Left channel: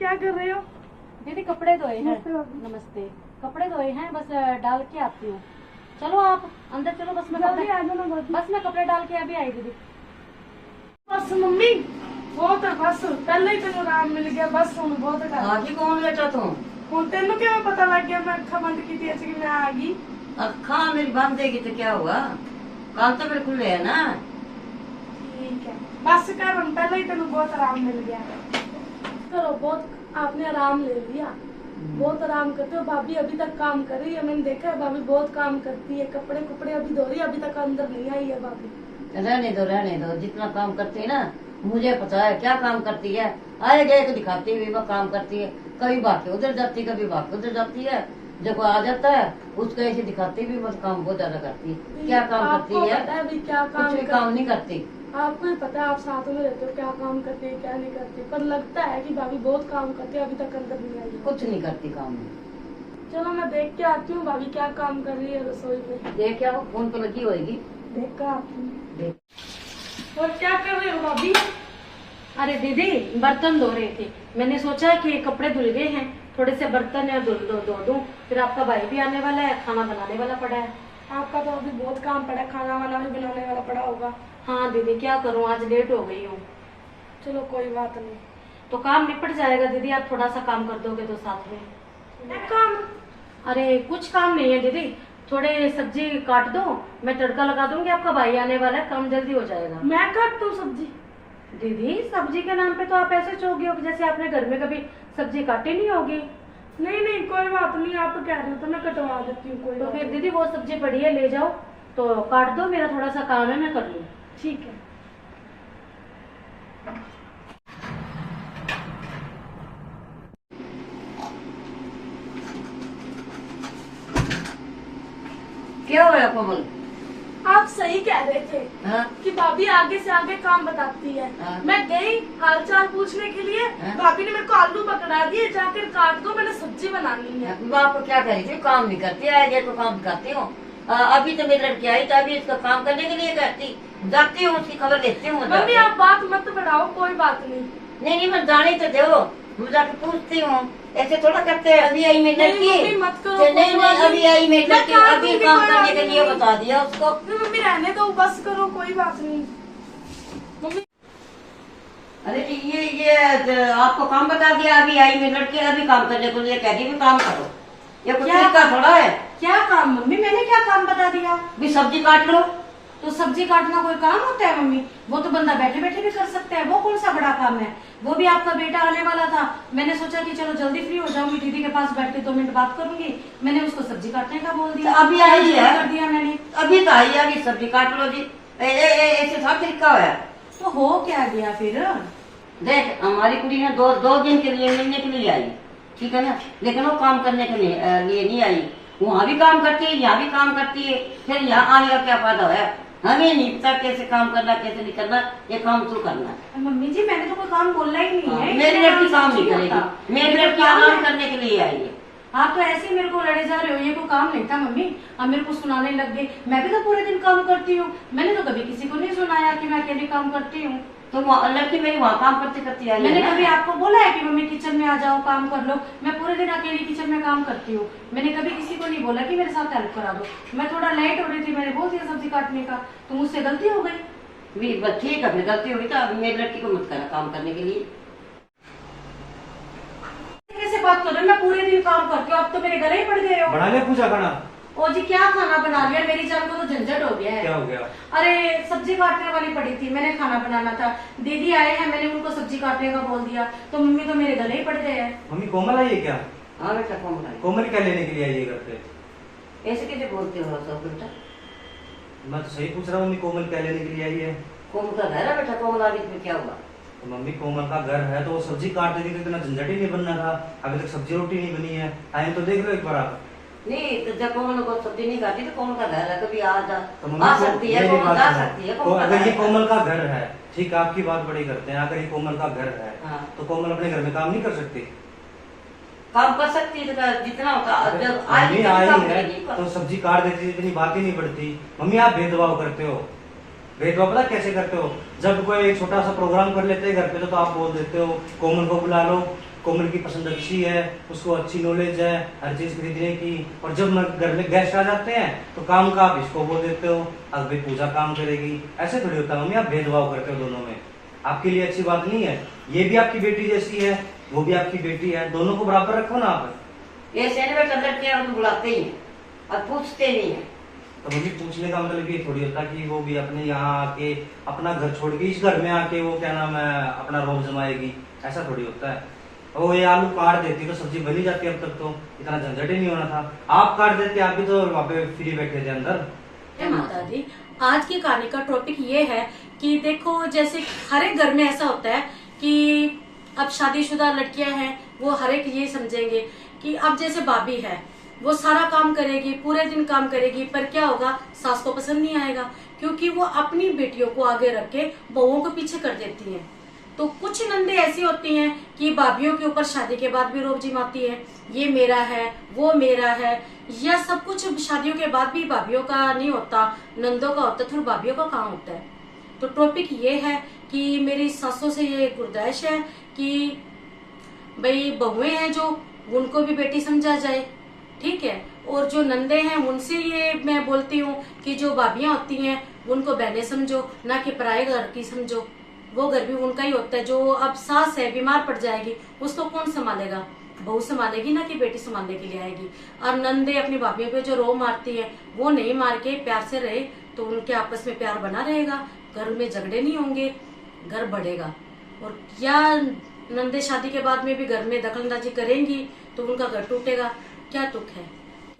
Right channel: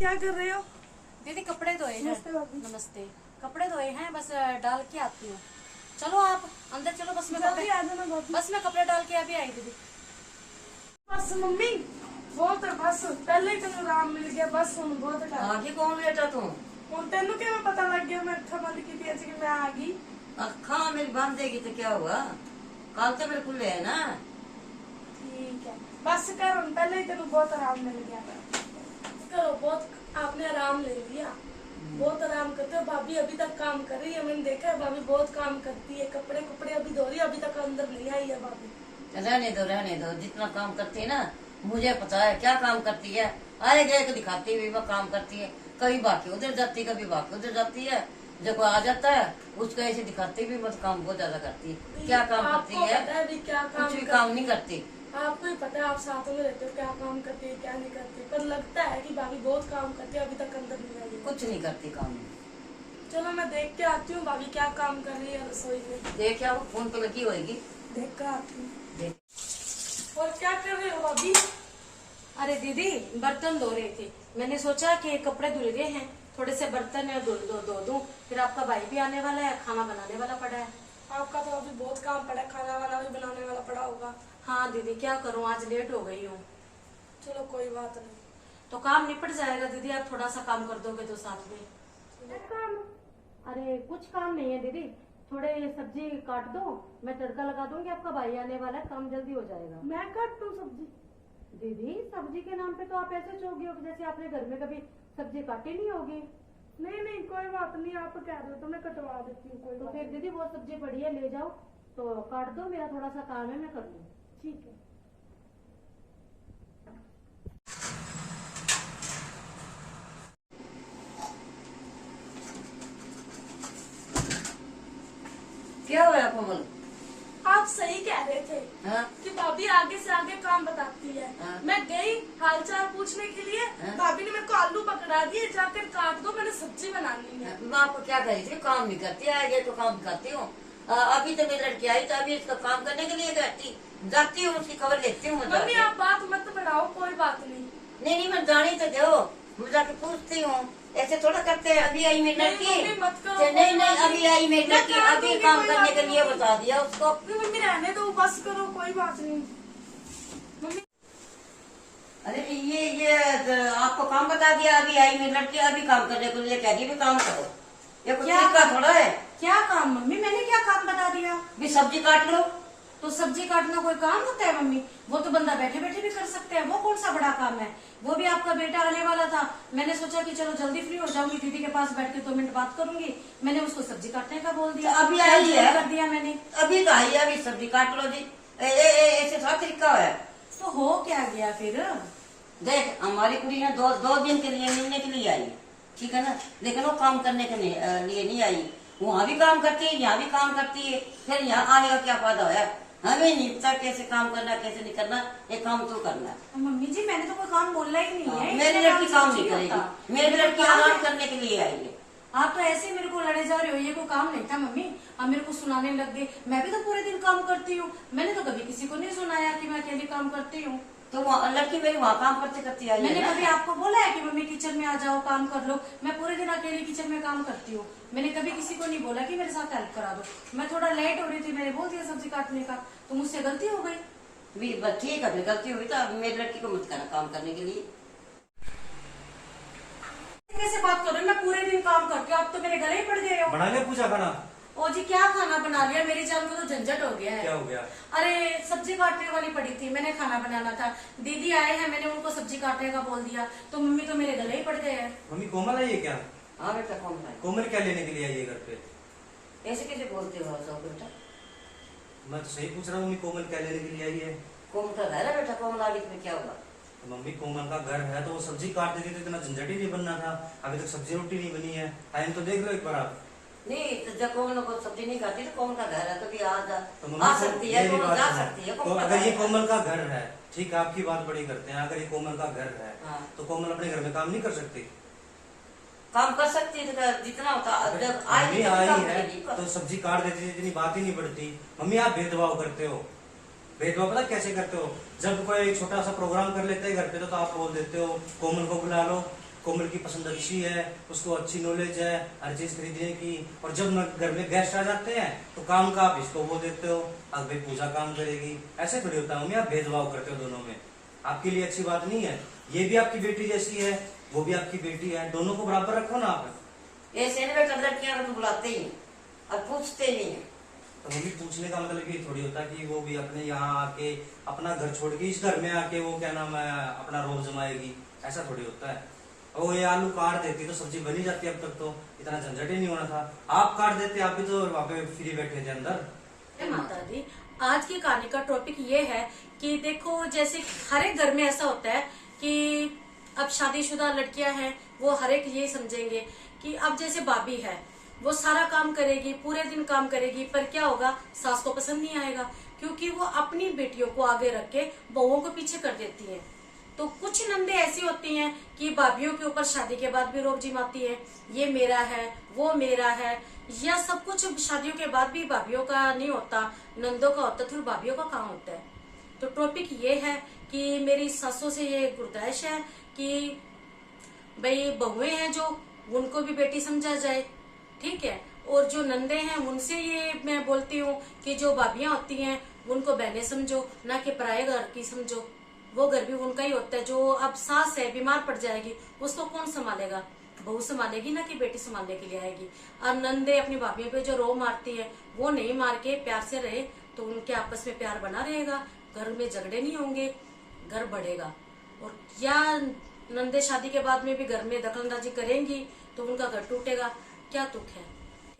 क्या कर रहे हो? दीदी कपड़े धोए हैं। नमस्ते। कपड़े धोए हैं, बस डाल के आती हूँ। चलो आप अंदर चलो, बस मैं कपड़े बस मैं कपड़े डाल के अभी आई दीदी। बस मम्मी बहुत है, बस पहले ही तेन आराम मिल गया, बस हुन बहुत है। आगी कौन बेटा तू? हुन तेन क्या पता लग गया? मैं अखा बंद की थी कि मैं आ गई। अखा मेरी बंद देगी तो क्या हुआ? काल तो मेरे खुले है ना। ठीक है, बस कर, हम पहले ही तेन बहुत आराम मिल गया। चलो बहुत आपने आराम ले लिया, बहुत आराम करते हो। भाभी अभी तक काम कर रही है, मैंने देखा है भाभी बहुत काम करती है। कपड़े कुपड़े अभी धो रही है, अभी तक अंदर नहीं आई है भाभी। रहने दो, जितना काम करती है ना मुझे पता है क्या काम करती है। आए गए को दिखाती हुई वो काम करती है, कभी बाकी उधर जाती कभी बाकी उधर जाती है। जब वो आ जाता है उसका ऐसे दिखाती भी मत, काम बहुत ज्यादा करती है। क्या काम करती है? क्या कुछ भी काम नहीं करती। आपको ही पता है, आप साथ में रहते हो, क्या काम करती है क्या नहीं करती, पर लगता है कि भाभी बहुत काम करती है, अभी तक अंदर नहीं आई है। कुछ नहीं करती काम। चलो मैं देख के आती हूँ भाभी क्या काम कर रही है रसोई में। देख आओ, फोन तो लगी होगी। देख कर आती हूँ। देख। और क्या कर रहे हो भाभी? अरे दीदी बर्तन धो रहे थे, मैंने सोचा कि कपड़े धुल गए हैं, थोड़े से बर्तन या धो दूं। फिर आपका भाई भी आने वाला है, खाना बनाने वाला पड़ा है। आपका तो अभी बहुत काम पड़ा है, खाना वाना भी बनाने वाला पड़ा होगा। हाँ दीदी क्या करूँ, आज लेट हो गई हूँ। चलो कोई बात नहीं। तो काम निपट जाएगा दीदी, आप थोड़ा सा काम कर दोगे तो साथ में। क्या काम? अरे कुछ काम नहीं है दीदी, थोड़े सब्जी काट दो, मैं तड़का लगा दूंगी। आपका भाई आने वाला है, काम जल्दी हो जाएगा। मैं काट दूं सब्जी? दीदी सब्जी के नाम पे तो आप ऐसे चौगी हो जैसे आपने घर में कभी सब्जी काटी नहीं होगी। नहीं नहीं कोई बात नहीं, आप कह रहे हो तो मैं कटवा देती हूँ। कोई तो बात फिर नहीं। दीदी वो सब्जी पड़ी है, ले जाओ तो काट दो, मेरा थोड़ा सा काम है, मैं कर लूँ। ठीक है। क्या हुआ कोमल? आप सही कह रहे थे हाँ? कि भाभी आगे से आगे काम बताती है। हाँ। मैं गई हालचाल पूछने के लिए, हाँ। भाभी ने मेरे को आलू पकड़ा दिए, जाकर काट दो, मैंने सब्जी बनानी है। बाप को क्या करी थी? काम नहीं करती, आए गए तो काम करती हूँ। अभी तो मेरी लड़की आई तो अभी इसका काम करने के लिए करती जाती हूँ, उसकी खबर लेती हूँ। मम्मी आप बात मत बढ़ाओ, कोई बात नहीं। नहीं मैं जाने तो दो, मैं जाके पूछती हूँ। ऐसे थोड़ा करते हैं। अभी आई मेरी लड़की। नहीं, मम्मी, मत करो, नहीं कोई बात अभी आई मेरी मैं लड़की, काट अभी दूंगी, काम कोई करने बात के नहीं। लिए बता दिया उसको। नहीं, मम्मी रहने दो, बस करो, कोई बात नहीं। मम्मी अरे ये आपको काम बता दिया, अभी आई मेरी लड़की, अभी काम करने को लिए कह रही भी काम करो। ये कुछ क्या? तरीका थोड़ा है। क्या काम मम्मी, मैंने क्या काम बता दिया? भी सब्जी काट लो। तो सब्जी काटना कोई काम होता है मम्मी? वो तो बंदा बैठे बैठे भी कर सकता है, वो कौन सा बड़ा काम है? वो भी आपका बेटा आने वाला था, मैंने सोचा कि चलो जल्दी फ्री हो जाऊंगी, दीदी के पास बैठ के 2 मिनट बात करूंगी, मैंने उसको सब्जी काटने का बोल दिया। तो अभी आई है। कर दिया मैंने। अभी तो आई है, अभी सब्जी काट लो जी। ऐसे था तरीका है। तो हो क्या गया फिर? देख हमारी कुड़ी ना दो दिन के लिए मिलने के लिए आई, ठीक है ना, लेकिन वो काम करने के लिए नहीं आई। वहाँ भी काम करती है, यहाँ भी काम करती है, फिर यहाँ आने का क्या फायदा है? हमें नहीं पता कैसे काम करना कैसे नहीं करना, ये काम तो करना है। मम्मी जी मैंने तो कोई काम बोलना ही नहीं है। मेरी लड़की काम नहीं करेगी, मेरी लड़की आराम करने के लिए आई है। आप तो ऐसे ही मेरे को लड़े जा रहे हो, ये कोई काम नहीं था मम्मी, अब मेरे को सुनाने लग गए। मैं भी तो पूरे दिन काम करती हूँ, मैंने तो कभी किसी को नहीं सुनाया कि मैं अकेली काम करती हूँ। तो लड़की मेरी वहाँ काम करते करती आई मैंने है। कभी आपको बोला है कि मम्मी किचन में आ जाओ काम कर लो? मैं पूरे दिन अकेली किचन में काम करती हूँ, मैंने कभी किसी को नहीं बोला कि मेरे साथ हेल्प करा दो। मैं थोड़ा लेट हो रही थी, मैंने बोल दिया सब्जी काटने का, तो मुझसे गलती हो गई। बस ठीक है, फिर गलती होगी तो अब मेरी लड़की को मत करना काम करने के लिए। कैसे बात कर रहे हो? मैं पूरे दिन काम करती हूँ, अब तो मेरे गले ही पड़ गए हो। बना लिया पूजा खाना? ओ जी क्या खाना बना लिया, मेरी जान को तो झंझट हो गया है। क्या हो गया? अरे सब्जी काटने वाली पड़ी थी, मैंने खाना बनाना था, दीदी आए हैं, मैंने उनको सब्जी काटने का बोल दिया, तो मम्मी तो मेरे गले ही पड़ गए हैं। मम्मी कोमल आई है क्या? हाँ बेटा कोमल आई। कोमल क्या लेने के लिए आई है घर पे? ऐसे कैसे बोलते हो सब बेटा? मैं तो सही पूछ रहा हूँ, मम्मी कोमल क्या लेने के लिए आई है? कोमल का घर है बेटा, कोमल आ गई, क्या हुआ? तो मम्मी कोमल का घर है तो वो सब्जी काट देती तो इतना झंझट ही नहीं बनना था। अभी तक सब्जी रोटी नहीं बनी है, टाइम तो देख लो एक बार आप। नहीं तो जब कोमल को सब्जी नहीं खाती तो कोमल का घर है, कभी आ जा तो आ मम्मी सकती है, मेरी कोमल बात जा सुनो। सकती है। तो कोमल का अगर घर ये है। कोमल का घर है, ठीक आपकी बात बड़ी करते हैं, अगर ये कोमल का घर है हाँ। तो कोमल अपने घर में काम नहीं कर सकती? काम कर सकती है तो जितना होता जब मम्मी आई आई काम है करेगी। तो सब्जी काट देती, इतनी बात ही नहीं बढ़ती। मम्मी आप भेदभाव करते हो, भेदभाव पता कैसे करते हो? जब कोई छोटा सा प्रोग्राम कर लेते हैं घर पे तो आप बोल देते हो कोमल को बुला लो, कोमल की पसंद अच्छी है, उसको अच्छी नॉलेज है हर चीज खरीदने की, और जब घर में गेस्ट आ जाते हैं तो काम का आप इसको बोल देते हो, अब भाई पूजा काम करेगी। ऐसे थोड़ी होता है मम्मी, आप भेदभाव करते हो दोनों में, आपके लिए अच्छी बात नहीं है। ये भी आपकी बेटी जैसी है, वो भी आपकी बेटी है, दोनों को बराबर रखो ना आप। ये सेने में कदर किया और तो बुलाते ही हैं और पूछते नहीं है। तो मम्मी पूछने का मतलब ये थोड़ी होता कि वो भी अपने यहाँ आके अपना घर छोड़ के इस घर में आके वो क्या नाम है अपना रोब जमाएगी, ऐसा थोड़ी होता है। वो ये आलू काट देती तो सब्जी बनी जाती, अब तक तो इतना झंझट ही नहीं होना था। आप काट देते, आप भी तो वहाँ पे फ्री बैठे थे अंदर। माता दी, आज की कहानी का टॉपिक ये है कि देखो, जैसे हर एक घर में ऐसा होता है कि अब शादीशुदा लड़कियां हैं, वो हर एक ये समझेंगे कि अब जैसे भाभी है वो सारा काम करेगी, पूरे दिन काम करेगी, पर क्या होगा, सास को पसंद नहीं आएगा, क्योंकि वो अपनी बेटियों को आगे रख के बहुओं को पीछे कर देती हैं। तो कुछ नंदे ऐसी होती हैं कि भाभीियों के ऊपर शादी के बाद भी रोब जिमाती है, ये मेरा है, वो मेरा है, या सब कुछ शादियों के बाद भी भाभीियों का नहीं होता, नंदों का होता, फिर भाभीियों का कहाँ होता है। तो टॉपिक ये है कि मेरी सासों से ये गुजारिश है कि भाई बहुएं हैं जो, उनको भी बेटी समझा जाए, ठीक है। और जो नंदे हैं उनसे ये मैं बोलती हूँ कि जो भाभियां होती हैं उनको बहनें समझो, ना कि पराये घर की समझो। वो घर भी उनका ही होता है। जो अब सास है बीमार पड़ जाएगी, उसको कौन संभालेगा, बहू संभालेगी ना कि बेटी संभालने के लिए आएगी। और नंदे अपनी भाभियों पे जो रो मारती है, वो नहीं मार के प्यार से रहे तो उनके आपस में प्यार बना रहेगा, घर में झगड़े नहीं होंगे, घर बढ़ेगा। और क्या नंदे शादी के बाद में भी घर में दखलंदाजी करेंगी तो उनका घर टूटेगा, क्या तुक है।